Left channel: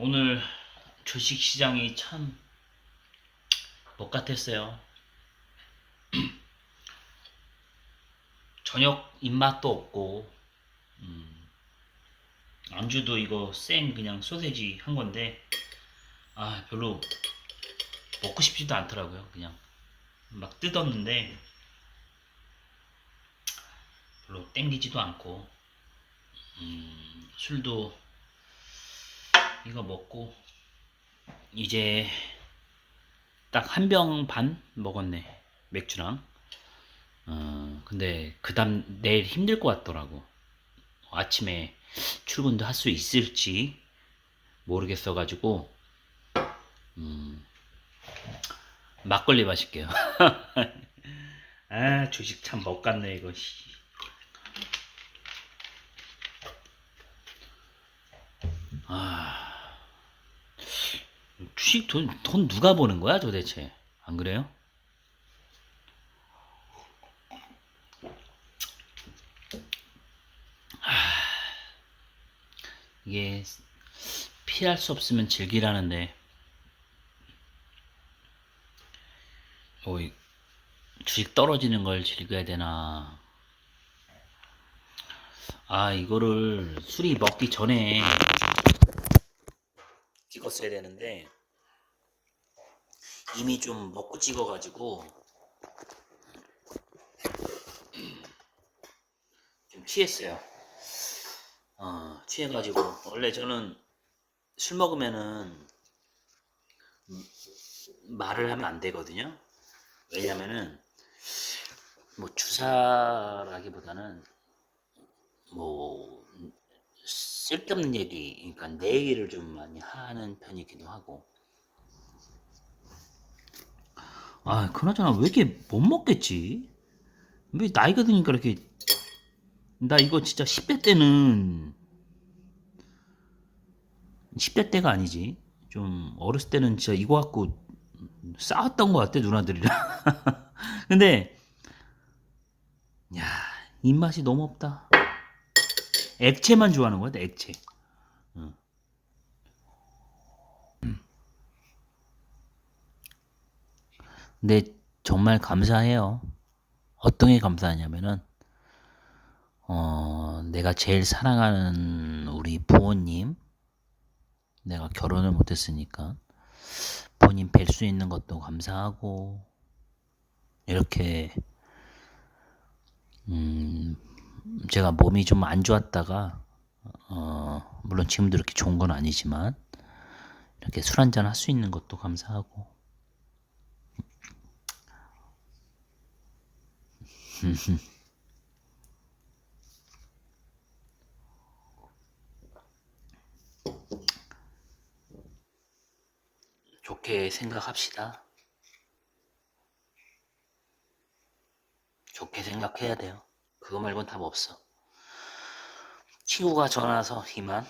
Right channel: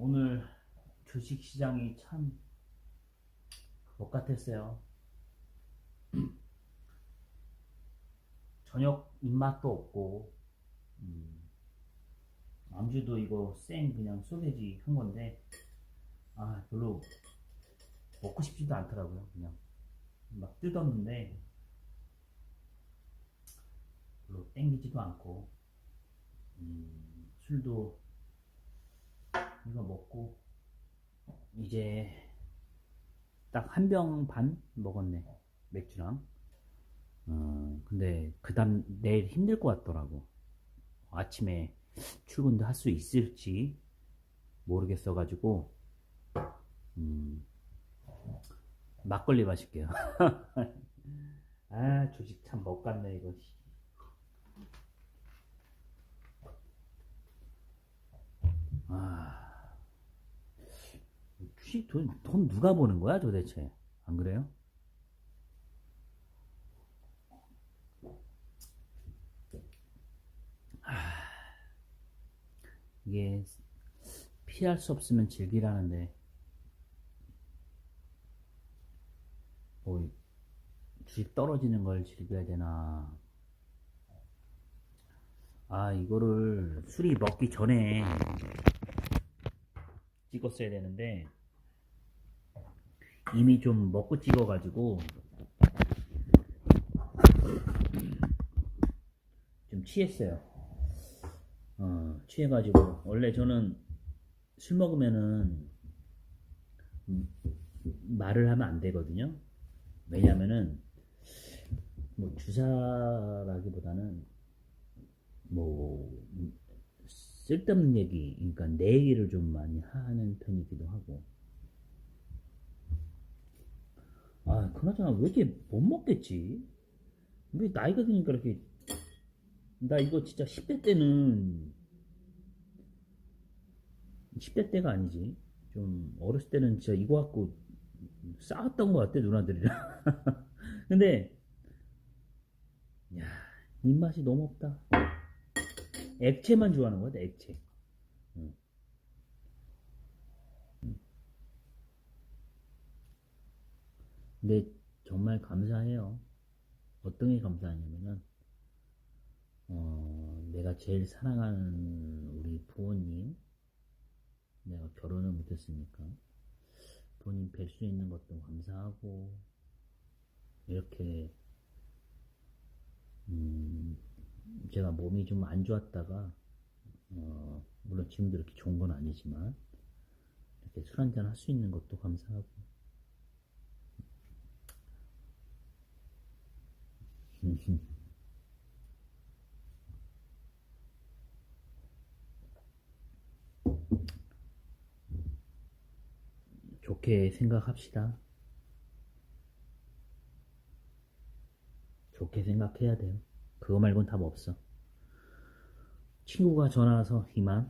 오늘 주식 시장이 참못 같았어요. 저녁 입맛도 없고, 음, 안주도 이거 생 그냥 소세지 한 건데, 아, 별로 먹고 싶지도 않더라고요. 그냥 막 뜯었는데, 별로 땡기지도 않고, 음, 술도 이거 먹고, 이제 딱 한 병 반 먹었네. 맥주랑. 어, 근데 그 다음 내일 힘들 것 같더라고. 아침에 출근도 할 수 있을지 모르겠어 가지고, 음, 막걸리 마실게요. 아, 주식 참 먹겠네, 이거. 주식 돈, 돈 누가 버는 거야, 도대체? 안 그래요? 이게 피할 수 없으면 즐기라는데 뭐 이- 주식 떨어지는 걸 즐겨야 되나 아 이거를 술이 먹기 전에 찍었어야 되는데 이미 좀 먹고 찍어가지고 좀 취했어요 어, 취해가지고 원래 저는 술 먹으면은 음, 말을 하면 안 되거든요. 왜냐면은 뭐 주사라기보다는 뭐 음, 쓸데없는 얘기, 그러니까 내 얘기를 좀 많이 하는 편이기도 하고. 아, 그나저나 왜 이렇게 못 먹겠지? 왜 나이가 드니까 이렇게 나 이거 진짜 10대 때는 10대 때가 아니지. 좀 어렸을 때는 진짜 이거 갖고 싸웠던 것 같아 누나들이랑. 근데 야 입맛이 너무 없다. 액체만 좋아하는 거야, 액체. 응. 근데 정말 감사해요. 어떤 게 감사하냐면은 어, 내가 제일 사랑하는 우리 부모님, 내가 결혼을 못했으니까 부모님 뵐수 있는 것도 감사하고 이렇게 음, 제가 몸이 좀 안 좋았다가 어, 물론 지금도 이렇게 좋은 건 아니지만 이렇게 술 한잔 할 수 있는 것도 감사하고 좋게 생각합시다. 좋게 생각해야 돼요. 그거 말곤 답 없어. 친구가 전화 와서 이만